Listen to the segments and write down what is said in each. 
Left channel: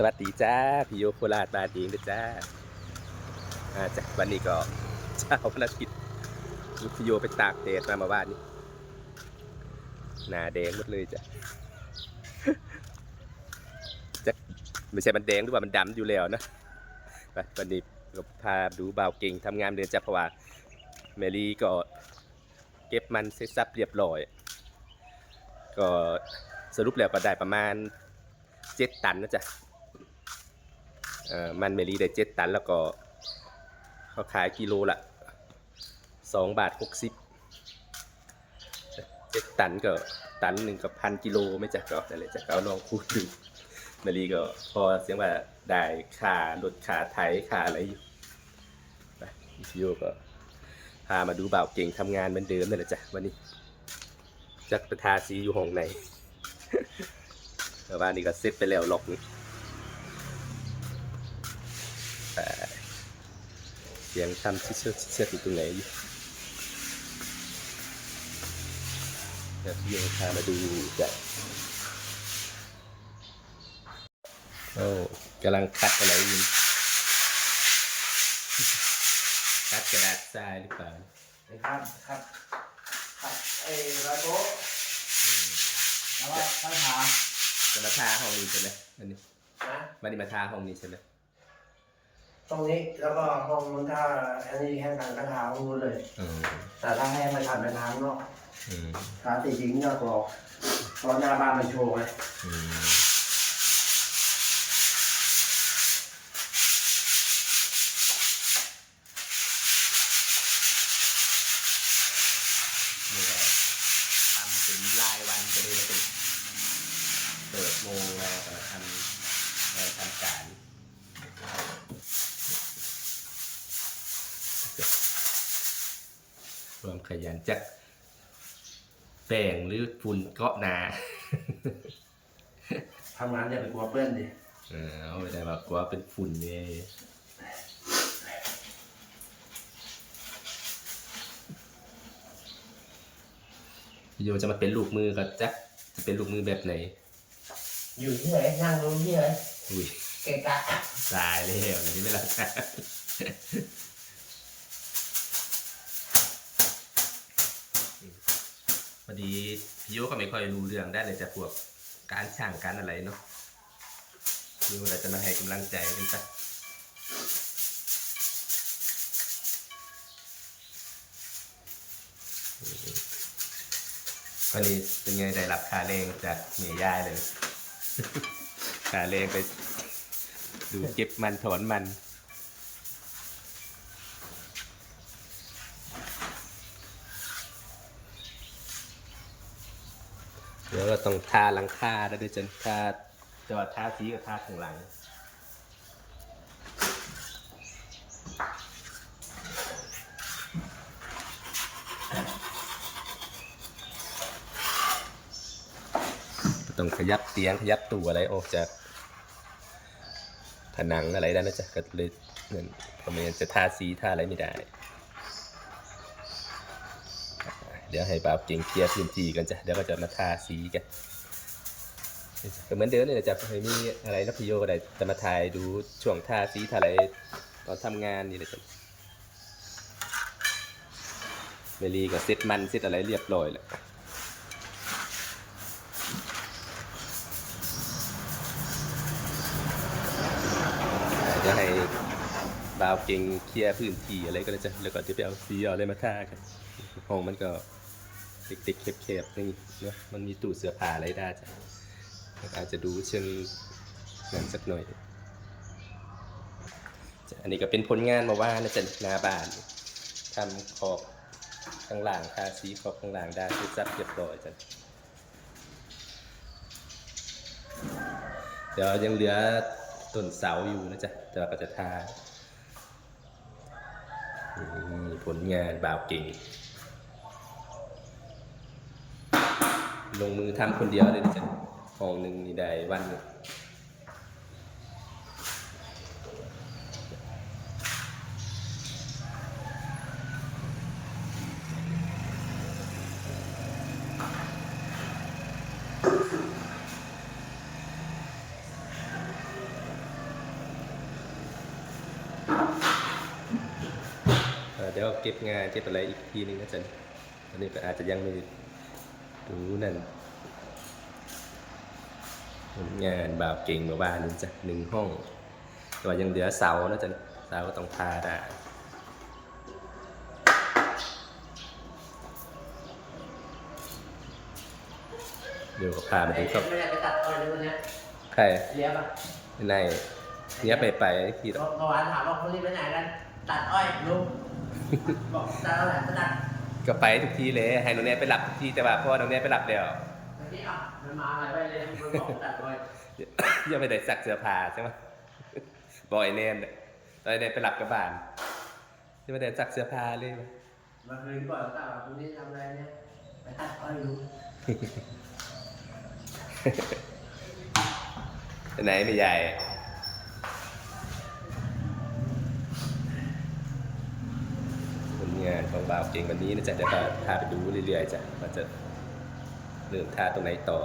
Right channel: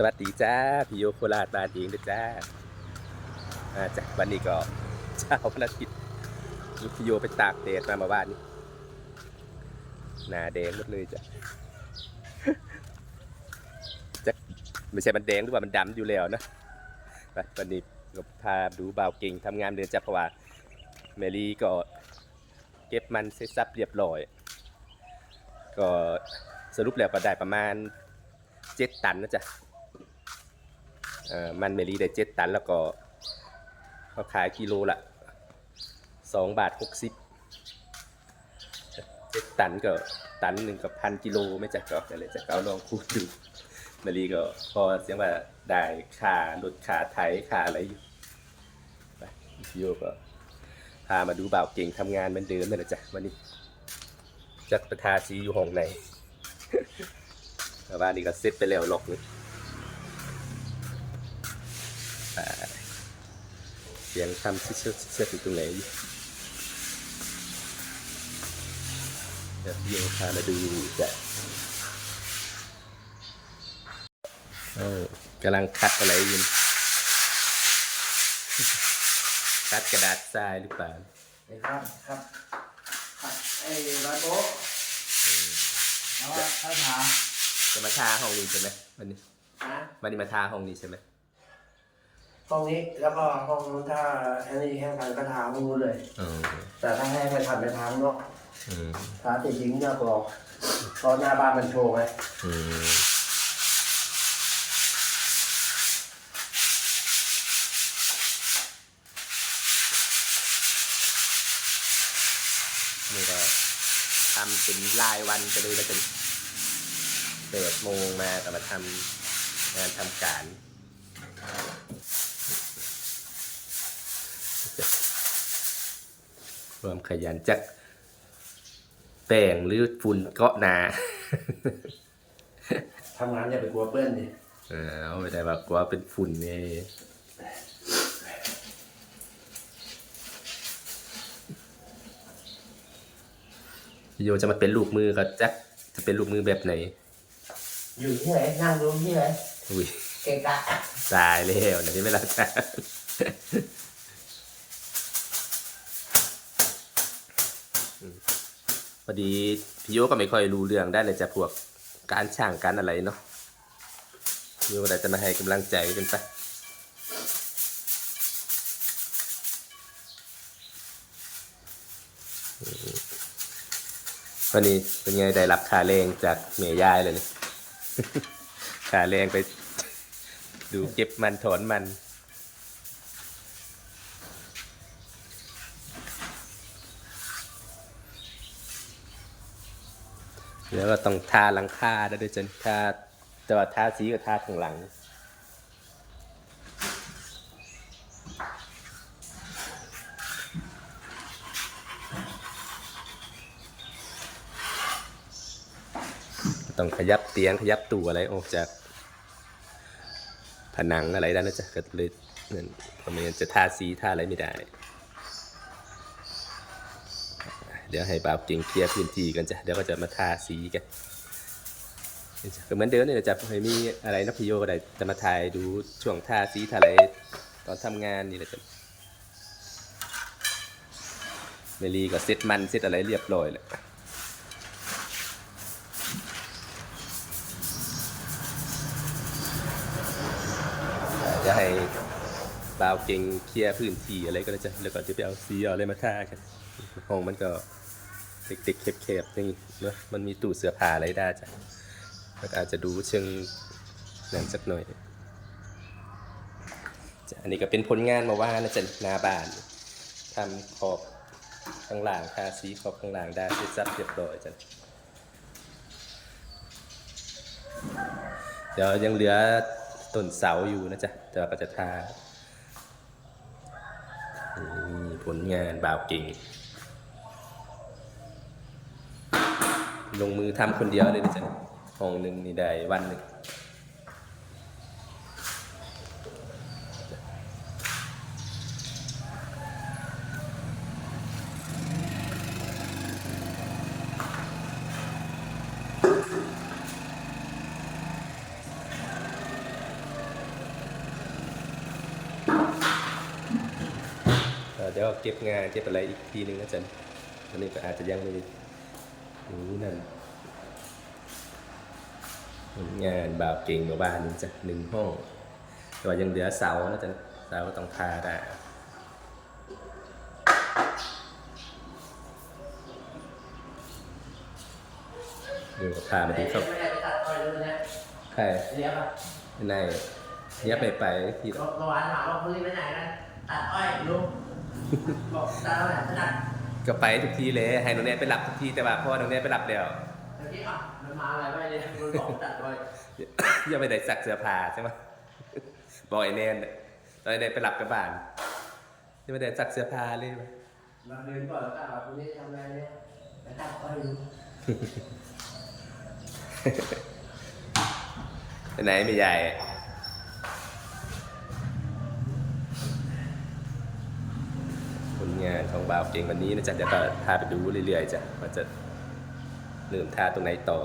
สวัสดีจ้าพี่โยโคราชบานเองนะจ้าอาจากวันนี้ก็เช้าวันอาทิตย์ลูกพี่โยไปตากแดดมามาบ้านนี้หน้าแดงหมดเลยจ้ะจะไม่ใช่มันแดงหรือว่ามันดำอยู่แล้วนะวันนี้ก็พาดูบ่าวเก่งทำงานเดือนจ้ะเพราะว่าแมรี่ก็เก็บมันเสร็จสับเรียบร้อย ก็สรุปแล้วก็ได้ประมาณเจ็ดตันนะจ๊ะ มันเมลีได้เจ็ดตันแล้วก็เขาขายกิโลละสองบาทหกสิบเจ็ดตันก็ตันหนึ่งกับพันกิโลไม่จักก็อะไรจะเอาลองคูดดูเมลีก็พอเสียงว่าได้ค่ารถค่าไถค่าอะไรอยู่ไปโยก็พามาดูบ่าวเก่งทำงานเหมือนเดิมนั่นแหละจ้ะวันนี้จักประทาสีอยู่ห้องในแต่ว่านี่ก็เสร็จไปแล้วล็อกหนึง ไปเสียงทำชิเชือกเชือกอยู่ตรงไหนอยู่เดี๋ยวพี่โยพามาดูจ้ะโอ้กำลังคัดอะไรอยู่คัดกระดาษทรายหรือเปล่าครับครับครับไอ้ร้อยโต๊ะแล้วก็ค่อยทาจะมาทาห้องนี้ใช่ไหมวันนี้นะวันนี้มาทาห้องนี้ใช่ไหม ห้องนี้แล้วก็ห้องนู้นถ้าอันนี้แห้งกันก็ทาห้องนู้นเลยอืมแต่ถ้าแห้งไม่ทำไปทาข้างนอกอืมทาติดยิงก็รอตอนหน้าบ้านมันโชว์ไงอืมนี่ก็ทำเป็นรายวันไปเลยแล้วกันเปิดโมงมาก็มาทำงานทำการ ความขยันจักแป้งหรือฝุ่นเกาะหนาทำงานอย่าไปกลัวเปื้อนดิเออเอาไม่ได้แบบกลัวเป็นฝุ่นไงพี่โยจะมาเป็นลูกมือก็จักจะเป็นลูกมือแบบไหน อยู่ที่ไหนนั่งดูที่ไหนอุ้ยเกะกะตายแล้วนะที่ไม่รักกัน พอดีพี่โยก็ไม่ค่อยรู้เรื่องได้เลยจะพวกการช่างการอะไรเนาะพี่โยก็เลยจะมาให้กำลังใจกันซะวันนี้เป็นไงได้รับค่าแรงจากเมียยายเลยนะค่าแรงไปดูเก็บมันถอนมัน เดี๋ยวเราต้องทาหลังคาด้วด้วยจนทาแต่ว่าทาสีกับทาข้างหลังต้องขยับเตียงขยับตู้อะไรออกจาก ผนังอะไรได้นะจ๊ะก็เลยนั่นเพราะไม่งั้นจะทาสีทาอะไรไม่ได้ เดี๋ยวให้บ่าวเก่งเคลียร์พื้นที่กันจ้ะเดี๋ยวก็จะมาทาสีกันก็เหมือนเดิมเนี่แหละจ้ะเคยมีอะไรนะพี่โยก็ได้จะมาถ่ายดูช่วงทาสีทาอะไรตอนทำงานนี่แหละจ้ะเมลีก็เซ็ตมันเซ็ตอะไรเรียบร้อยแล้วจะให้บ่าวเก่งเคลียร์พื้นที่อะไรก็ได้จ้ะแล้วก็จะไปเอาสีเอาอะไรมาทากันห้องมันก็ เด็กๆแคบๆนี่เนอะมันมีตู้เสื้อผ้าอะไรได้จ้ะแล้วอาจจะดูเชิงนั่นสักหน่อยจ้ะอันนี้ก็เป็นผลงานมาว่านะจ๊ะนาบานทำขอบข้างล่างทาสีขอบข้างล่างได้เสร็จสับเรียบร้อยจ้ะเดี๋ยวยังเหลือต้นเสาอยู่นะจ๊ะแต่ว่าก็จะทานี่ผลงานบ่าวเก่ง ลงมือทำคนเดียวเลยนะจ๊ะห้องหนึ่งนี่ได้วันหนึ่งเดี๋ยวเก็บงานเก็บอะไรอีกทีนึงนะจ๊ะอันนี้ก็อาจจะยังไม่ รู้นั่นผลงานบ่าวเก่งเมื่อวานนี้จ้ะหนึ่งห้อง แต่ว่ายังเหลือเสานะจันเสาก็ต้องทาได้เดี๋ยวก็พามาดูครับไม่ได้ไปตัดอ้อยเลยเนี่ยใครเลี้ยงป่ะในเนี้ยไปไปที่เมื่อวานถามว่าพรุ่งนี้ไปไหนกันตัดอ้อยลุงบอกตัดเอาไหนไปตัด ก็ไปทุกทีเลย ให้น้องแนนไปรับทุกทีแต่ว่าพ่อน้องแนนไปรับแล้วเมื่อกี้อะมันมาอะไรไว้เลยมันบอกตัดอ้อยยังไม่ได้สักเสื้อผ้าใช่ไหมบอกไอ้แนนน่ะตอนไอ้แนนไปรับกับบ้านยังไม่ได้สักเสื้อผ้าเลยว่ะมาคืนก่อนแล้วตัดว่าพรุ่งนี้ทำอะไรเนี่ยไปตัดอ้อยลุงไปไหนไม่ใหญ่ผล งานของบ่าวเก่งวันนี้นะจ๊ะเดี๋ยวก็พาไปดูเรื่อยๆจ้ะว่าจะเริ่มท่าตรงไหนต่อ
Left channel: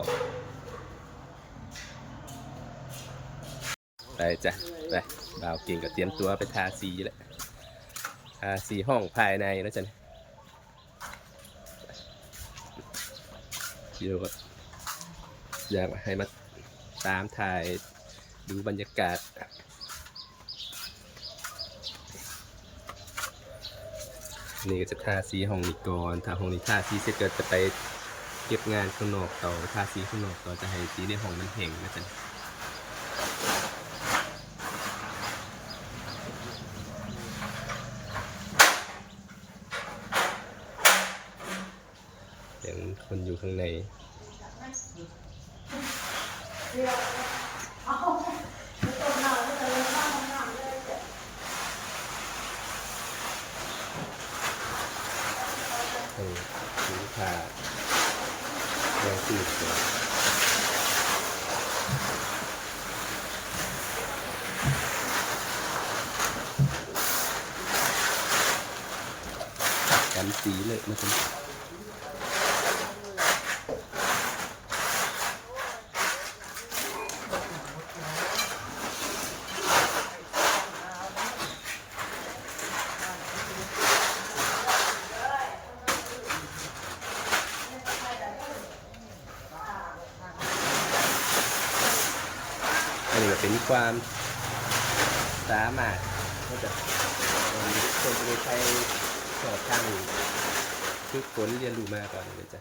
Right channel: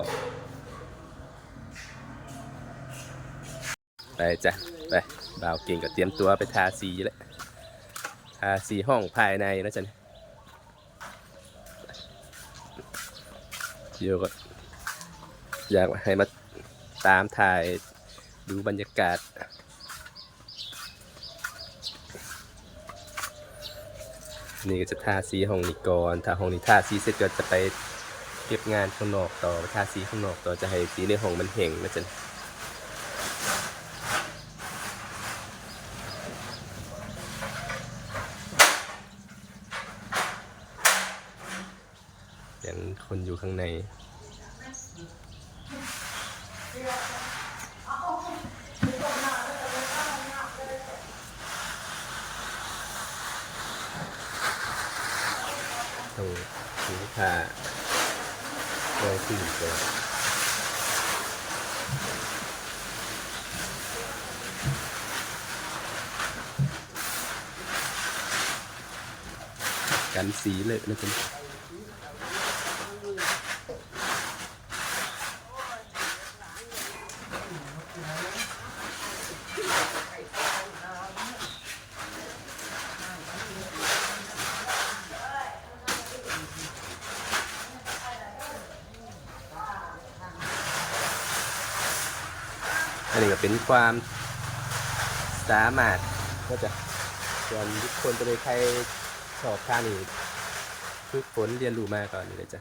ไปจ้ะไปบ่าวเก่งก็เตรียมตัวไปทาสีแล้วทาสีห้องภายในนะจ๊ะเดี๋ยวก็อยากให้มาตามถ่ายดูบรรยากาศ นี่ก็จะทาสีห้องนี้ก่อนถ้าห้องนี้ทาสีเสร็จก็จะไปเก็บงานข้างนอกต่อทาสีข้างนอกต่อจะให้สีในห้องมันเห็งนะจ๊ะเสียงคนอยู่ข้างใน ตรงนี้ ผ้าลองสีก่อนกันสีเลยนะคุณอั ความสามารถก็จะส่วนทุกคนจะได้ใช้สอบข้างนี้ฝึกฝนเรียนรู้มาก่อนเลยจะ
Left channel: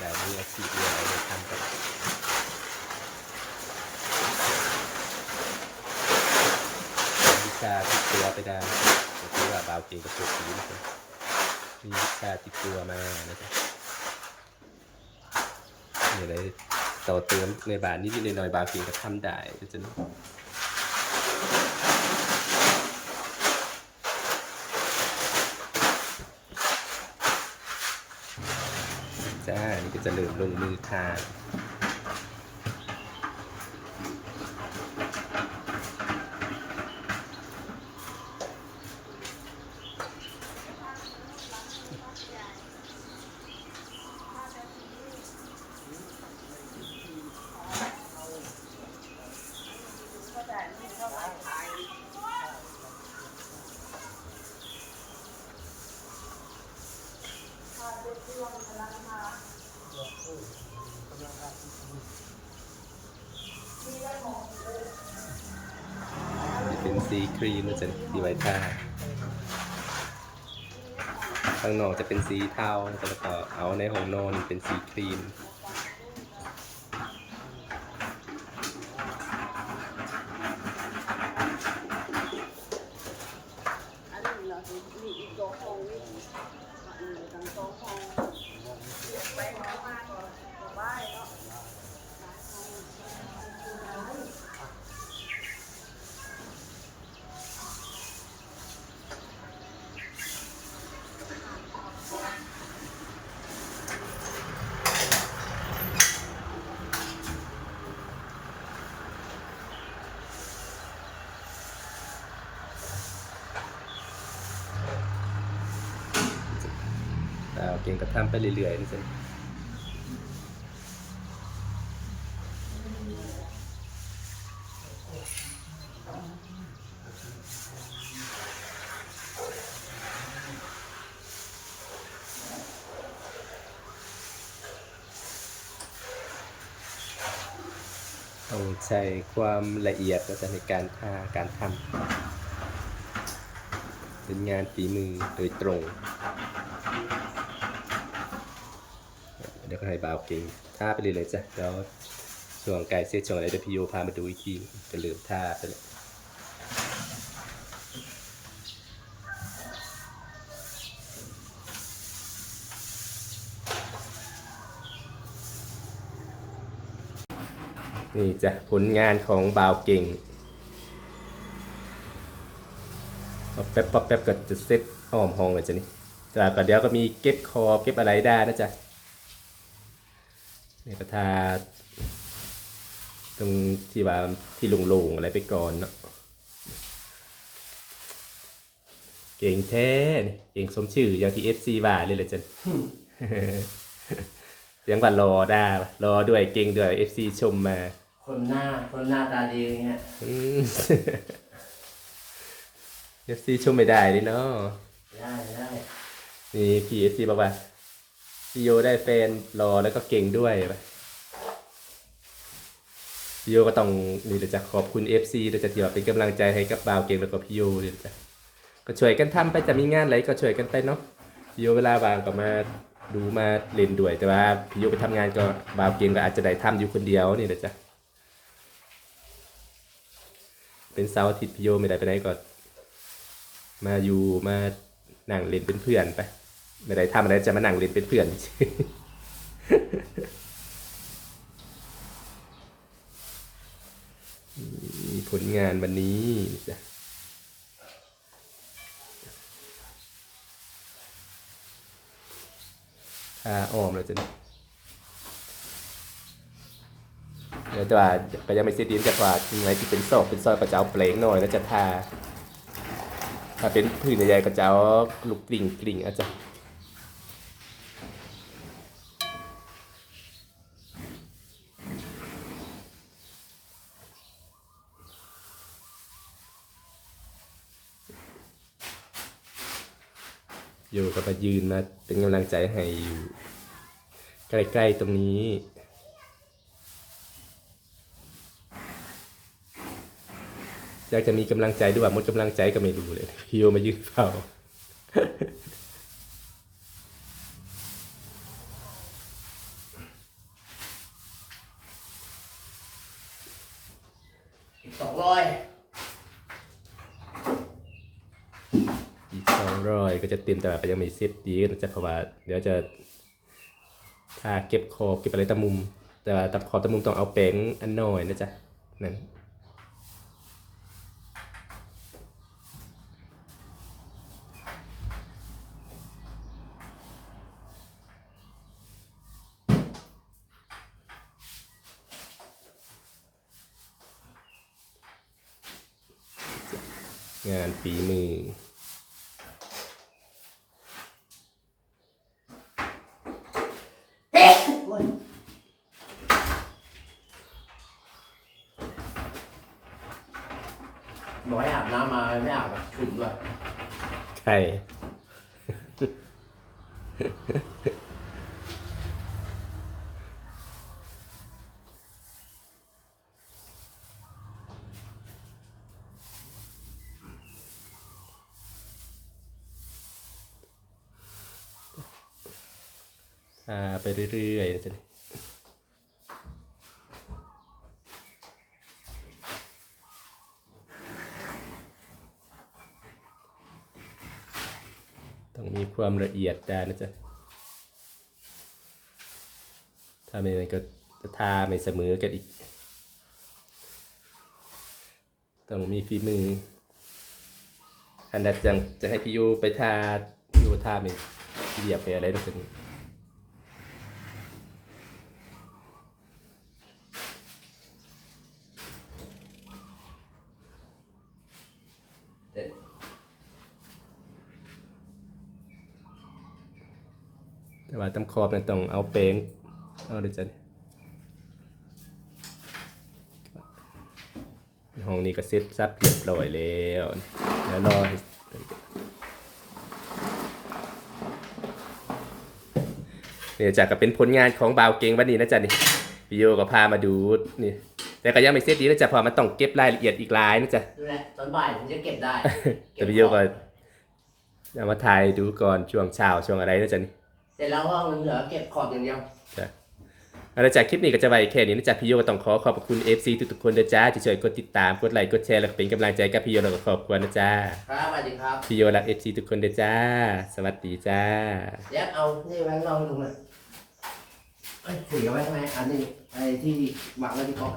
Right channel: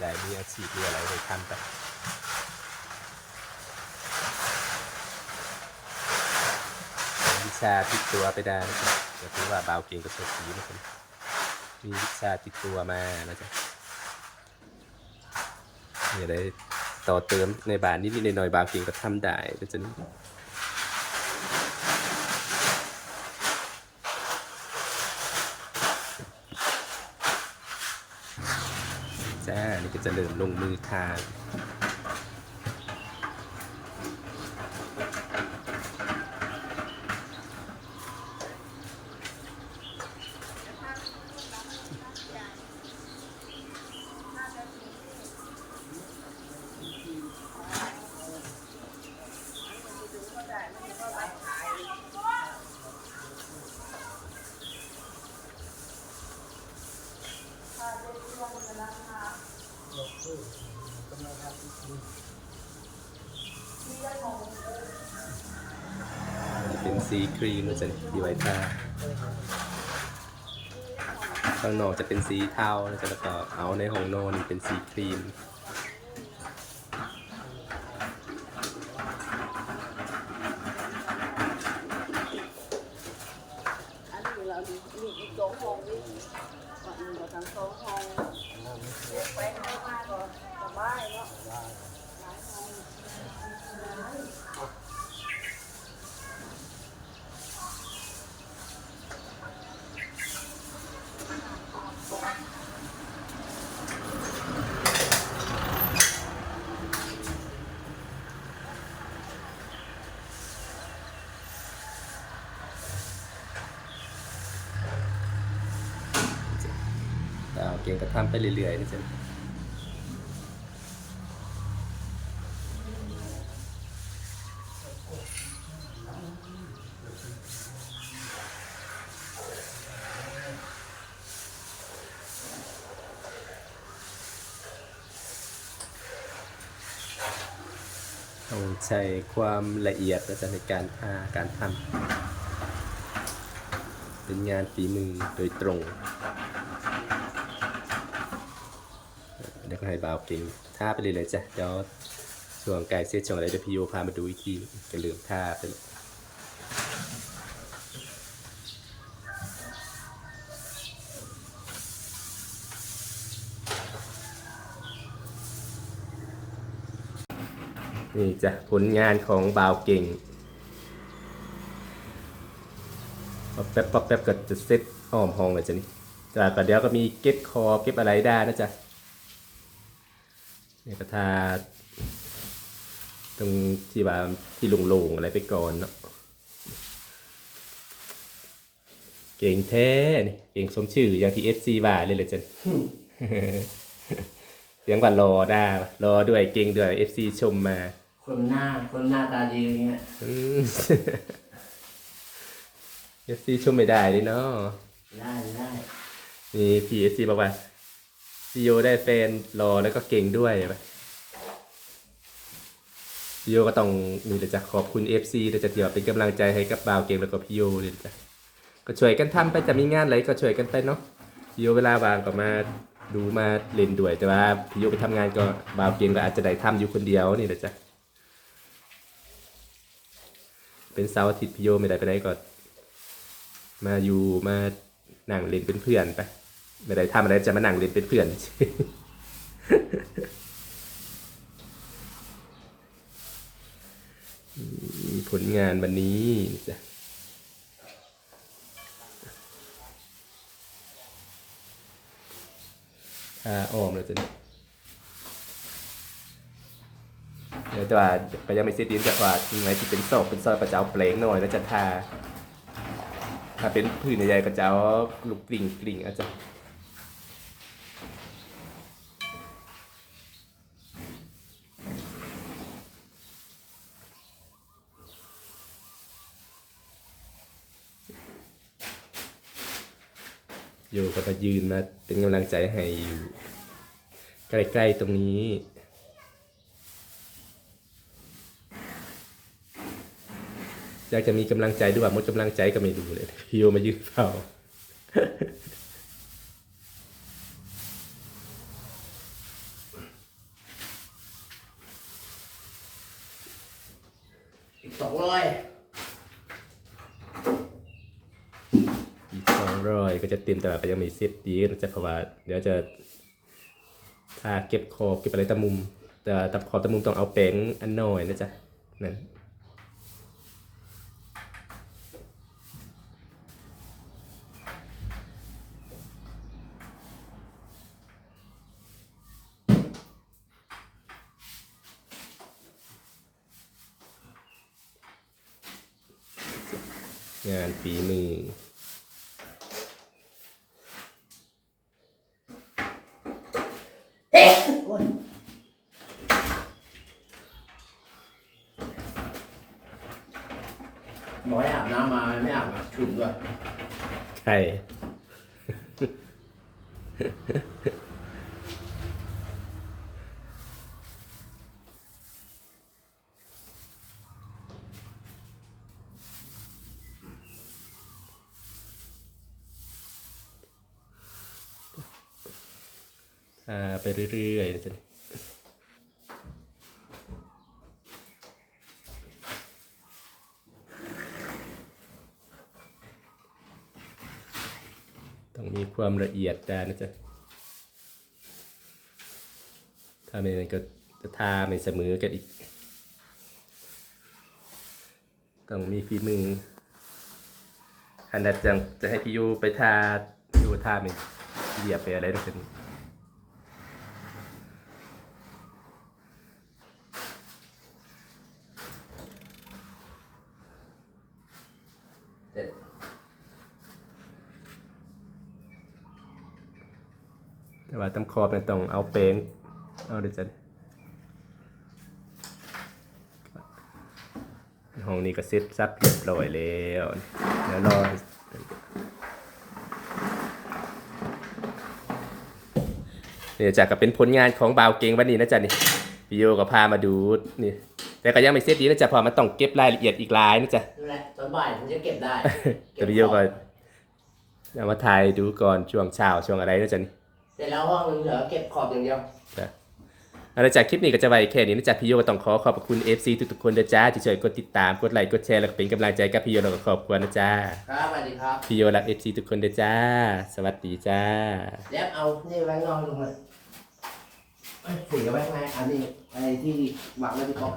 ได้มีอาชีพมีอะไรได้ทำกับวิชาติดตัวไปได้ก็ถือว่าเบาเก่งกับตัวสีนะครับมีวิชาติดตัวมานะจ๊ะอย่าได้ต่อเติมในบาทนิดๆหน่อยๆบางสิ่งก็ทำได้ก็จะนี่ จ้านี่ก็จะเริ่มลงมือทาน นี่เป็นสีครีมนะจ๊ะสีไวท์ทาข้างนอกจะเป็นสีเทานะจ๊ะแล้วก็เอาในห้องนอนเป็นสีครีมอันนี้เราดีมีอีกสองห้องนี่ อันนี้เราทั้งสองห้องไปทางมาก็สบายเนาะ เอาเก่งกรทำไปเรื่อยๆนี่สิต้องใช้ความละเอียดในการทาการทำเป็นงานฝีมือโดยตรง ล้วก็ให้บาวเก่งท่าไปเลยเลยจ้ะเดี๋ยวช่วงไก่เสร็จช่วงอะไรเดี๋ยวพี่โยพามาดูอีกทีจะลืมท่าไปเลยนี่จ้ะผลงานของบ่าวเก่งป๊อปแป๊บป๊อปแป๊บก็จะเซตอ้อมห้องเลยจ้ะนี่จ้ะก็เดี๋ยวก็มีเก็บคอเก็บอะไรได้นะจ๊ะ นี่ก็ทาตรงที่ว่าที่โล่งๆอะไรไปก่อนเนาะเก่งแท้นี่เก่งสมชื่ออย่างที่เอฟซีว่าเลยเลยจ้ะเสียงว่ารอได้ปะรอด้วยเก่งด้วยเอฟซีชมมา คนหน้าคนหน้าตาดีอย่างเงี้ยเอฟซีชมไม่ได้เลยเนาะได้ได้นี่พี่เอฟซีบอกว่า พี่โยได้แฟนรอแล้วก็เก่งด้วยปพี่โยก็ต้องนี่แหละจะขอบคุณเอฟซีแต่จะเดี๋ยวเป็นกำลังใจให้กับบ่าวเก่งแล้วก็พี่โยนี่แหละจ้ะก็ช่วยกันทำไปจะมีงานอะไรก็ช่วยกันไปเนาะพี่โยเวลาว่างก็มาดูมาเล่นด้วย แต่ว่าพี่โยไปทำงานก็บ่าวเก่งก็อาจจะได้ทำอยู่คนเดียวนี่แหละจ้ะเป็นเสาร์อาทิตย์พี่โยไม่ได้ไปไหนก็มาอยู่มานั่งเล่นเป็นเพื่อนไป ไม่ได้ทำอะไรจะมานั่งเล่นเป็นเพื่อนมีผลงานวันนี้จ้ะถ้าอ้อมแล้วจะเดี๋ยวแต่ว่าก็ยังไม่เสร็จดีจะว่ายังไงที่เป็นซอกเป็นซอยก็จะเอาเปลงหน่อยแล้วจะทาถ้าเป็นพื้นใหญ่ก็จะเอาลูกกลิ่งกลิ่งอาจจะ อยู่ก็มายืนมาเป็นกำลังใจให้อยู่ ใกล้ๆตรงนี้ อยากจะมีกำลังใจด้วยว่าหมดกำลังใจก็ไม่รู้เลยพี่โยมายืนเฝ้า อีกสองร้อย อีกสองร้อย ก็จะเต็มแต่ว่าก็ยังม่เซตดีนะจ๊ะเพราะว่าเดี๋ยวจะถ้าเก็บขอบเก็บอะไรตะมุม แต่ตะขอบตะมุมต้องเอาแป้งอันน้อยนะจ๊ะนั่นงานฝีมือ โอ้ย บอกให้อาบน้ำมาไม่อาบอะฉุนด้วยใครอ่า ไปเรื่อยๆนะจ๊ะ ต้องมีความละเอียดได้นะจ๊ะ ถ้าไม่นั้นก็จะทาไม่เสมอกันอีก ต้องมีฝีมืออันนั้นจะจะให้พี่ยูไปทาพี่ยูทาไม่เหยียบไปอะไรนั่นเป็นเด็ด แต่ว่าตำคอบเนี่ยต้องเอาเป้งเอาเดี๋ยวจะห้องนี้ก็เซ็ตซับเรียบร้อยแล้วเดี๋ยวรอให้เนี่ยจากก็เป็นผลงานของบ่าวเก่งวันนี้นะจ๊ะนี่พี่โยก็พามาดูนี่แต่ก็ยังไม่เสร็จดีนะจ๊ะเพอมันต้องเก็บรายละเอียดอีกหลายนะจ๊ะดูแลตอนบ่ายผมจะเก็บได้แต่พี่โยก็เอามาถ่ายดูก่อนช่วงเช้าช่วงอะไรนะจ๊ะนี่ เสร็จแล้วห้องเหลือเก็บขอบอย่างเดียวเอาละจากคลิปนี้ก็จะไว้แค่นี้นะจ๊ะพี่โยก็ต้องขอขอบพระคุณ FC ทุกๆคนนะจ๊ะที่ช่วยกดติดตามกดไลค์กดแชร์แล้วก็เป็นกำลังใจกับพี่โยแล้วก็ครอบครัวนะจ๊ะครับสวัสดีครับพี่โยรัก FC ทุกคนนะจ๊ะสวัสดีจ้าแล้วเอานี่ไว้ลองดูหน่อยเอ้ยถือไว้ข้างในอันนี้ไอ้ที่วางไว้ที่กล่อง